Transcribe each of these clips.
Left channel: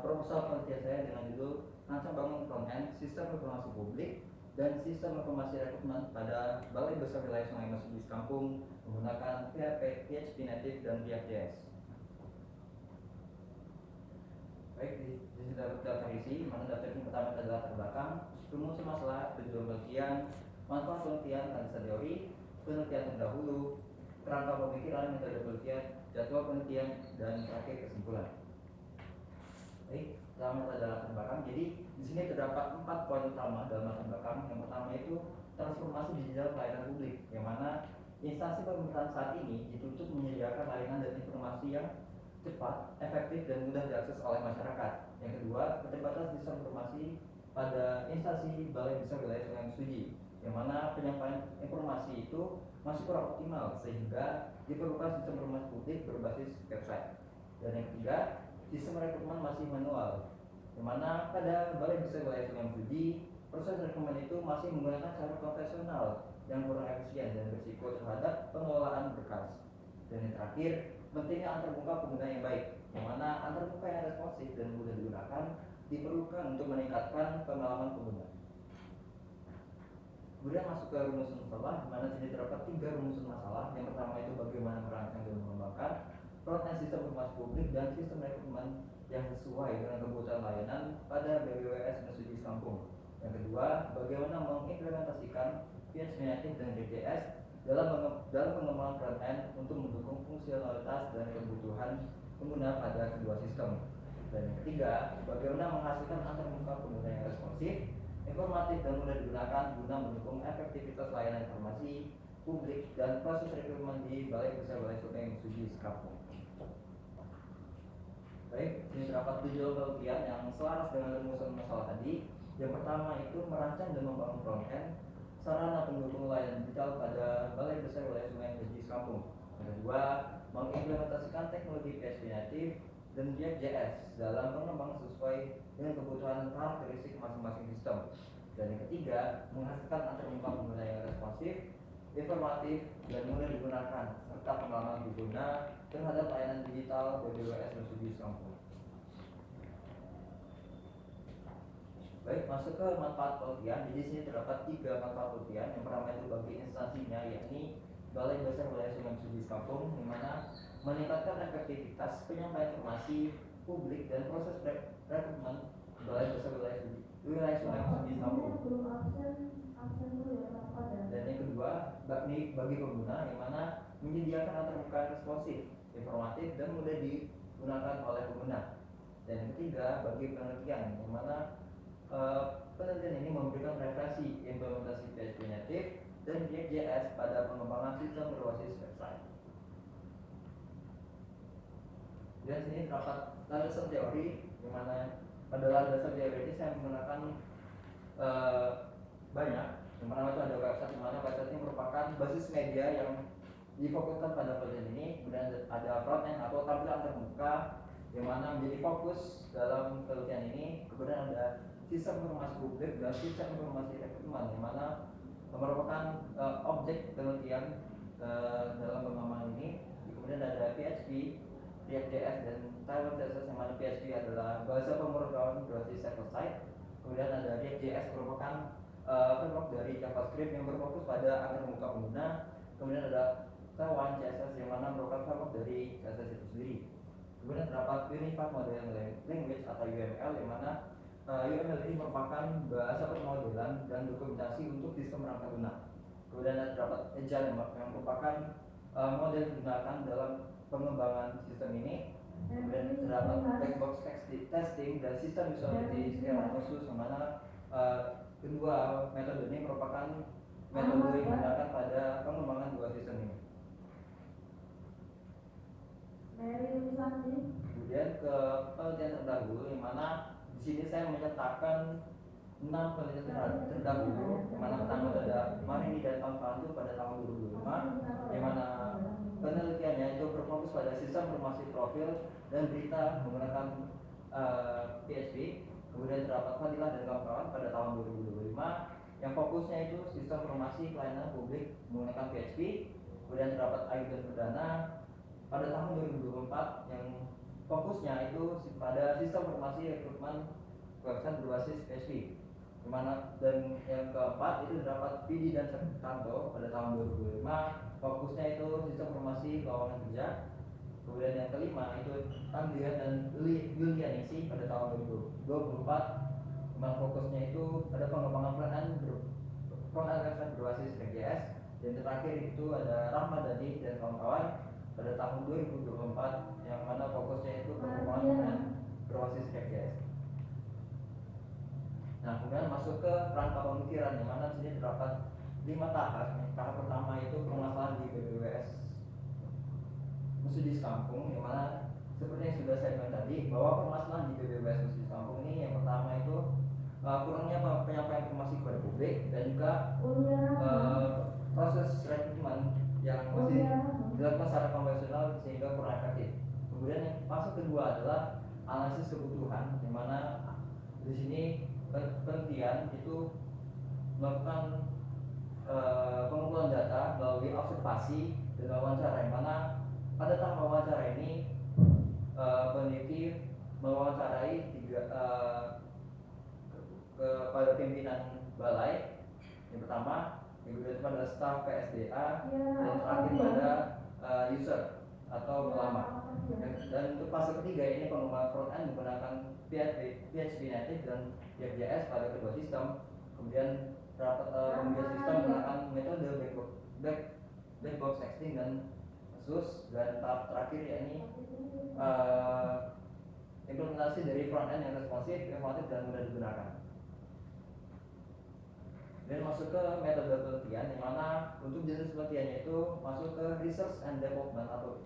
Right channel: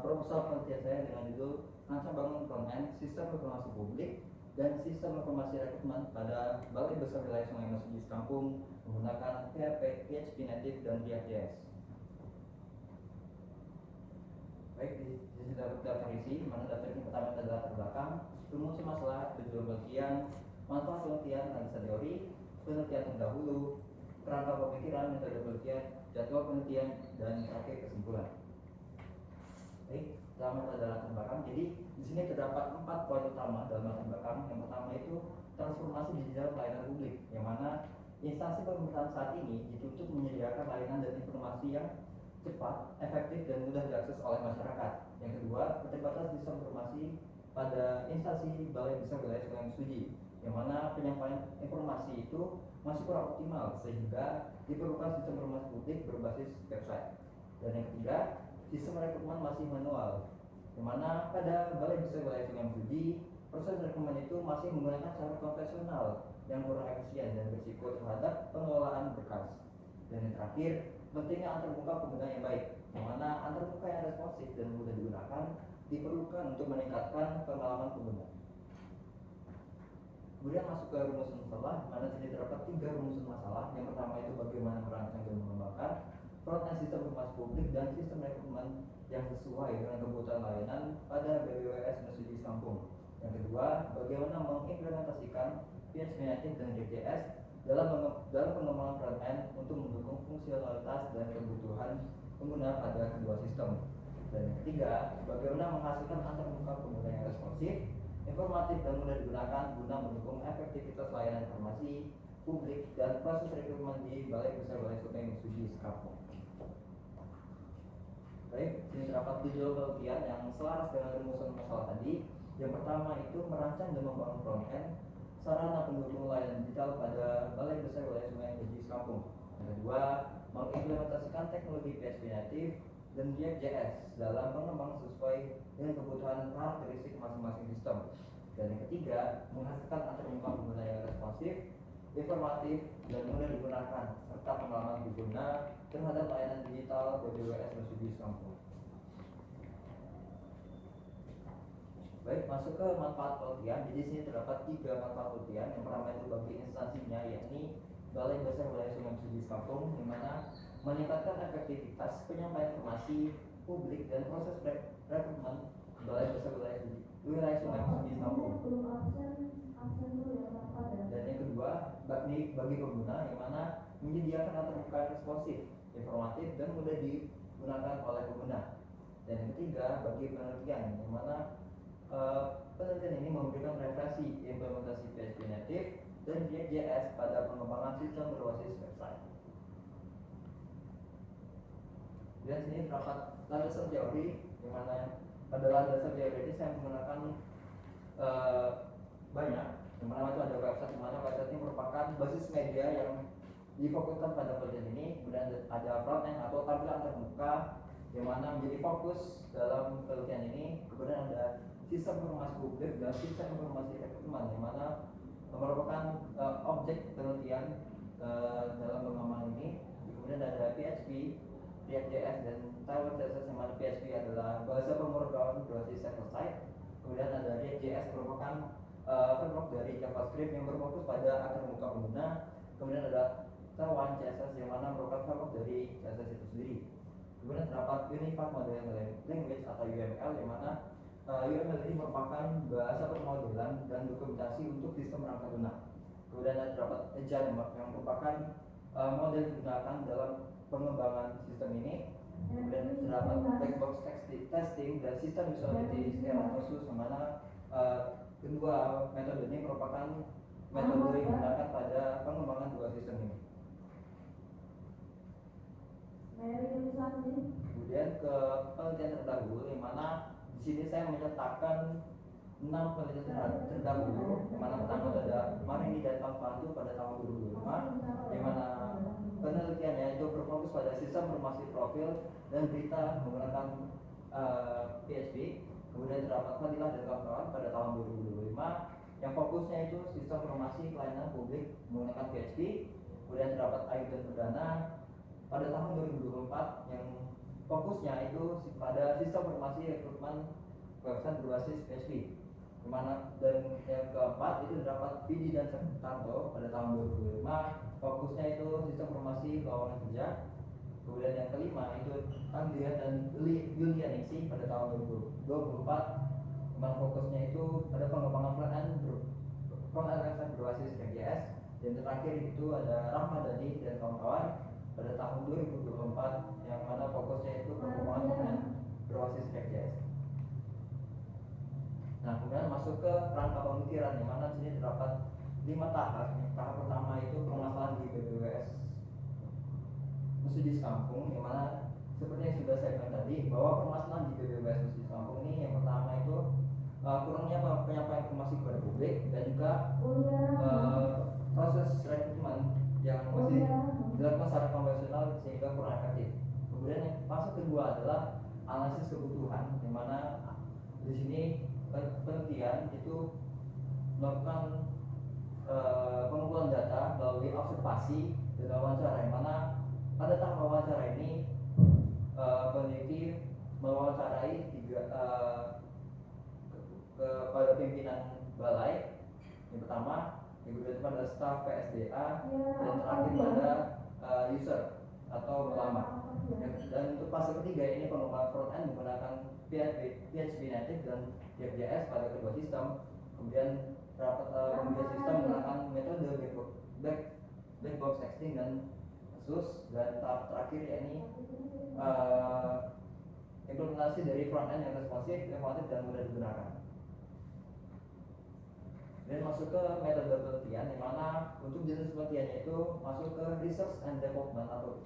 proposal penelitian saya dengan judul Rancang Bangun Frontend Sistem Informasi Publik dan Sistem Informasi Rekrutmen pada Balai Besar Wilayah Sungai Masjid Kampung menggunakan PHP Native dan React.js. Baik, di sini daftar isi, mana daftar ini pertama adalah latar belakang, rumus masalah, tujuan penelitian, manfaat penelitian, analisa teori, penelitian terdahulu, kerangka pemikiran, metode penelitian, jadwal penelitian, dan terakhir kesimpulan. Baik, pertama adalah latar belakang. Jadi di sini terdapat 4 poin utama dalam latar belakang. Yang pertama itu transformasi digital pelayanan publik, yang mana instansi pemerintahan saat ini dituntut menyediakan layanan dan informasi yang cepat, efektif, dan mudah diakses oleh masyarakat. Yang kedua, keterlibatan sistem informasi pada instansi Balai Besar Wilayah Sungai Mesuji, yang mana penyampaian informasi itu masih kurang optimal sehingga diperlukan sistem informasi publik berbasis website. Dan yang ketiga, sistem rekrutmen masih manual, yang mana pada Balai Besar Wilayah Sungai Mesuji proses rekrutmen itu masih menggunakan cara konvensional yang kurang efisien dan berisiko terhadap pengelolaan berkas. Dan yang terakhir, pentingnya antarmuka pengguna yang baik, yang mana antarmuka yang responsif dan mudah digunakan diperlukan untuk meningkatkan pengalaman pengguna. Kemudian masuk ke rumus masalah, mana tidak terdapat 3 rumus masalah. Yang pertama itu bagaimana merancang dan mengembangkan front-end sistem informasi publik dan sistem rekrutmen yang sesuai dengan kebutuhan layanan pada BWWS Mesuji Kampung. Yang kedua, bagaimana mengimplementasikan PHP Native dan React.js dalam pengembangan front-end untuk mendukung fungsionalitas dan kebutuhan pengguna pada kedua sistem. Dan yang ketiga, bagaimana menghasilkan antarmuka pengguna yang responsif, informatif, dan mudah digunakan guna mendukung efektivitas layanan informasi publik dan proses rekrutmen di Balai Besar Wilayah Sungai Mesuji Kampung. Baik, ini terdapat tujuan penelitian yang selaras dengan rumusan masalah tadi. Yang pertama itu merancang dan membangun front-end sarana pendukung layanan digital pada Balai Besar Wilayah Sungai Mesuji Kampung. Yang kedua, mengimplementasikan teknologi PHP Native dan React.js dalam pengembangan sesuai dengan kebutuhan karakteristik masing-masing sistem. Dan yang ketiga, menghasilkan antarmuka pengguna yang responsif, informatif, dan mudah digunakan serta pengalaman pengguna terhadap layanan digital BWWS Mesuji Kampung. Baik, masuk ke manfaat penelitian. Di sini terdapat 3 manfaat penelitian. Yang pertama itu bagi instansinya, yakni Balai Besar Wilayah Sungai Mesuji Kampung, yang mana meningkatkan efektivitas penyampaian informasi publik dan proses rekrutmen Balai Besar Wilayah Sungai Mesuji Kampung. Dan yang kedua, bagi pengguna, yang mana menyediakan antarmuka responsif, informatif, dan mudah digunakan oleh pengguna. Dan yang ketiga, bagi penelitian, yang mana penelitian ini memberikan referensi implementasi PHP Native dan React.js pada pengembangan sistem berbasis website. Dan sini terdapat landasan teori, di mana pada landasan teori ini saya menggunakan banyak. Yang pertama itu ada website, di mana website ini merupakan basis media yang difokuskan pada penelitian ini. Kemudian ada front-end atau tampilan terbuka yang mana menjadi fokus dalam penelitian ini. Kemudian ada sistem informasi publik dan sistem informasi rekrutmen, yang mana merupakan objek penelitian dalam pengembangan ini. Kemudian ada PHP, React.js, dan Taiwan CSS, yang mana PHP adalah bahasa pemrograman berbasis server-side. Kemudian ada React.js, merupakan framework dari JavaScript yang berfokus pada antarmuka pengguna. Kemudian ada Taiwan CSS, yang mana merupakan framework dari CSS itu sendiri. Kemudian terdapat Unified Modeling Language atau UML, yang mana UML ini merupakan bahasa permodelan dan dokumentasi untuk sistem perangkat lunak. Kemudian terdapat Agile, yang merupakan model yang digunakan dalam pengembangan sistem ini. Kemudian terdapat black box testing dan sistem usability secara khusus, yang mana kedua metode ini merupakan metode yang digunakan pada pengembangan dua sistem ini. Kemudian ke penelitian terdahulu, yang mana di sini saya menyertakan 6 penelitian terdahulu, yang mana pertama ada Marini dan Tampandu pada tahun 2005, yang mana penelitiannya itu berfokus pada sistem informasi profil dan berita menggunakan PHP. Kemudian terdapat Fadilah dan kawan-kawan pada tahun 2025, yang fokusnya itu sistem informasi pelayanan publik menggunakan PHP. Kemudian terdapat Ayu dan Perdana pada tahun 2024, yang fokusnya itu pada sistem informasi rekrutmen website berbasis PHP. Dan yang keempat itu terdapat Vidi dan Tanto pada tahun 2005, fokusnya itu sistem informasi lowongan kerja. Kemudian yang kelima itu Andrea dan Yulianisi pada tahun 2024, dimana fokusnya itu pada pengembangan front-end website berbasis React.js. Dan terakhir itu ada Rahmadani dan kawan-kawan pada tahun 2024, yang mana fokusnya itu pengembangan front-end berbasis React.js. Nah, kemudian masuk ke rangka pemikiran, yang mana di sini terdapat 5 tahap. Tahap pertama itu permasalahan di BPWS Musudis Kampung, yang mana seperti yang sudah saya bilang tadi, bahwa permasalahan di BPWS Musudis Kampung ini yang pertama itu kurangnya penyampaian informasi kepada publik, dan juga proses rekrutmen yang masih dilakukan secara konvensional sehingga kurang efektif. Kemudian yang fase kedua adalah analisis kebutuhan, yang mana di sini penelitian itu melakukan pengumpulan data melalui observasi dan wawancara, yang mana pada tahap wawancara ini peneliti mewawancarai kepada pimpinan balai yang pertama, yang kedua itu pada staf PSDA, dan terakhir pada user atau ulama. Dan untuk fase ketiga ini pengembangan front-end menggunakan PHP native dan React.js pada kedua sistem. Kemudian kemudian sistem menggunakan metode black box testing dan SUS. Dan tahap terakhir yakni implementasi dari front-end yang responsif, emotif, dan mudah digunakan. Dan masuk ke metode penelitian, di mana untuk jenis penelitiannya itu masuk ke research and development atau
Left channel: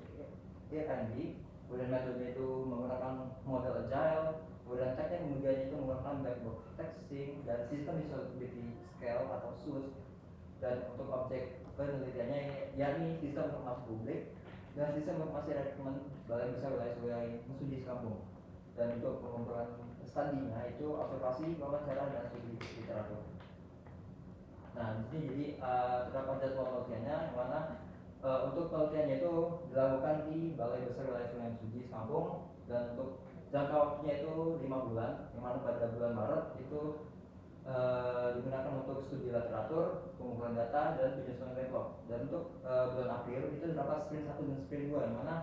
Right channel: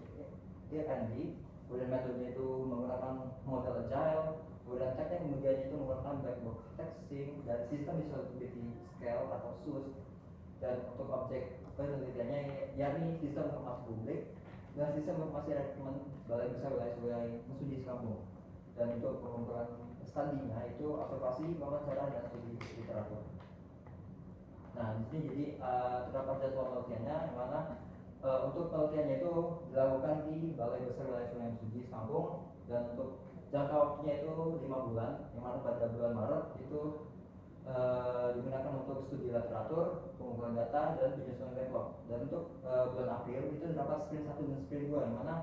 R&D. Kemudian metode itu menggunakan model agile. Kemudian teknik kemudian itu menggunakan black-box testing dan sistem usability scale atau SUS. Dan untuk objek penelitiannya yakni sistem informasi publik dan sistem informasi rekrutmen Balai Besar Wilayah Musudis Kampung. Dan untuk pengumpulan studinya itu observasi, wawancara, dan studi literatur. Nah, di sini jadi terdapat jadwal penelitiannya, yang mana untuk penelitiannya itu dilakukan di Balai Besar Wilayah Sungai Musudis Kampung, dan untuk jangka waktunya itu 5 bulan, yang mana pada bulan Maret itu digunakan untuk studi literatur, pengumpulan data, dan penyusunan backlog. Dan untuk bulan April itu terdapat sprint 1 dan sprint 2, yang mana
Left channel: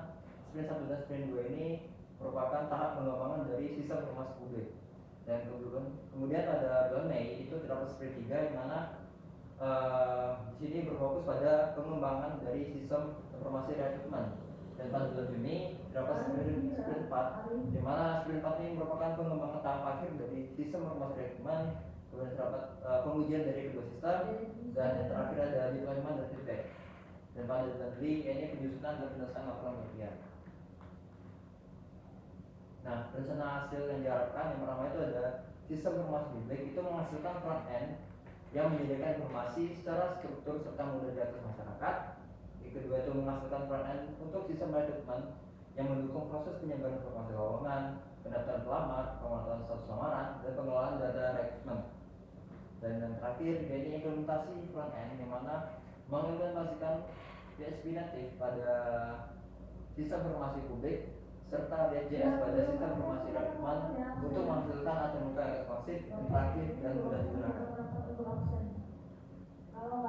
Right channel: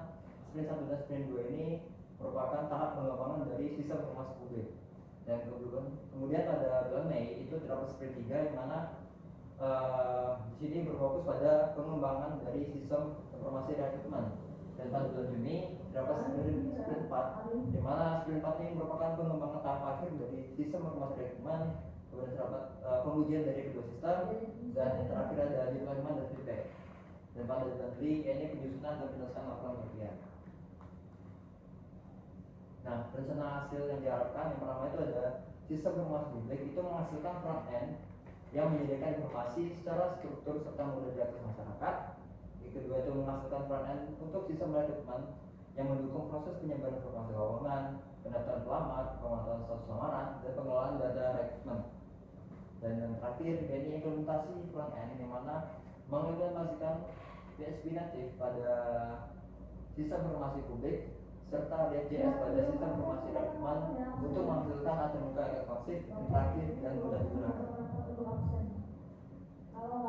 sprint 1 dan sprint 2 ini merupakan tahap pengembangan dari sistem informasi publik. Dan kemudian pada bulan Mei itu terdapat sprint 3, yang mana di sini berfokus pada pengembangan dari sistem informasi rekrutmen. Dan pada bulan Juni terdapat sprint 4, di mana sprint 4 ini merupakan pengembangan tahap akhir dari sistem informasi rekrutmen. Kemudian terdapat pengujian dari kedua sistem, dan yang terakhir ada deployment dan feedback. Dan pada bulan Juli ini penyusunan dan penjelasan laporan penelitian. Nah, rencana hasil yang diharapkan yang pertama itu ada sistem informasi publik itu menghasilkan front end yang menyediakan informasi secara struktur serta mudah diakses masyarakat. Yang kedua itu menghasilkan front end untuk sistem rekrutmen yang mendukung proses penyebaran informasi lowongan, pendaftaran pelamar, pemantauan status lamaran, dan pengelolaan data rekrutmen. Dan yang terakhir yaitu implementasi front end, yang mana mengimplementasikan PHP native pada sistem informasi publik serta React.js pada sistem informasi rekrutmen untuk menghasilkan antarmuka yang responsif, interaktif, dan mudah digunakan.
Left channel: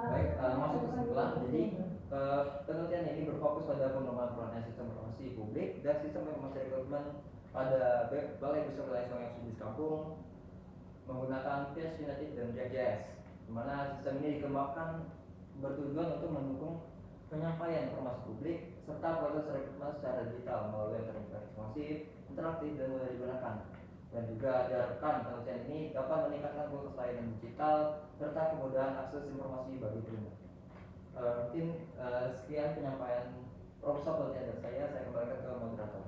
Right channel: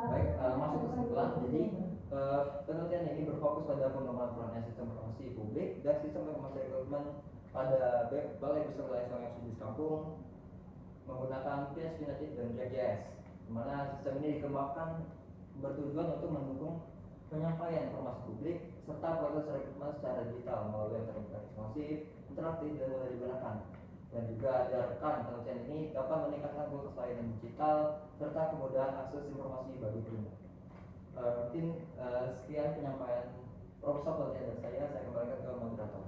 Baik, masuk kesimpulan. Jadi penelitian ini berfokus pada pengembangan front-end sistem informasi publik dan sistem informasi rekrutmen pada Balai Besar Wilayah Sungai Musudis Kampung menggunakan PHP native dan React.js, di mana sistem ini dikembangkan bertujuan untuk mendukung penyampaian informasi publik serta proses rekrutmen secara digital melalui internet responsif, interaktif, dan mudah digunakan. Dan juga diharapkan penelitian ini dapat meningkatkan kualitas layanan digital serta kemudahan akses informasi bagi pengguna. Mungkin sekian penyampaian proposal penelitian dari saya kembalikan ke moderator.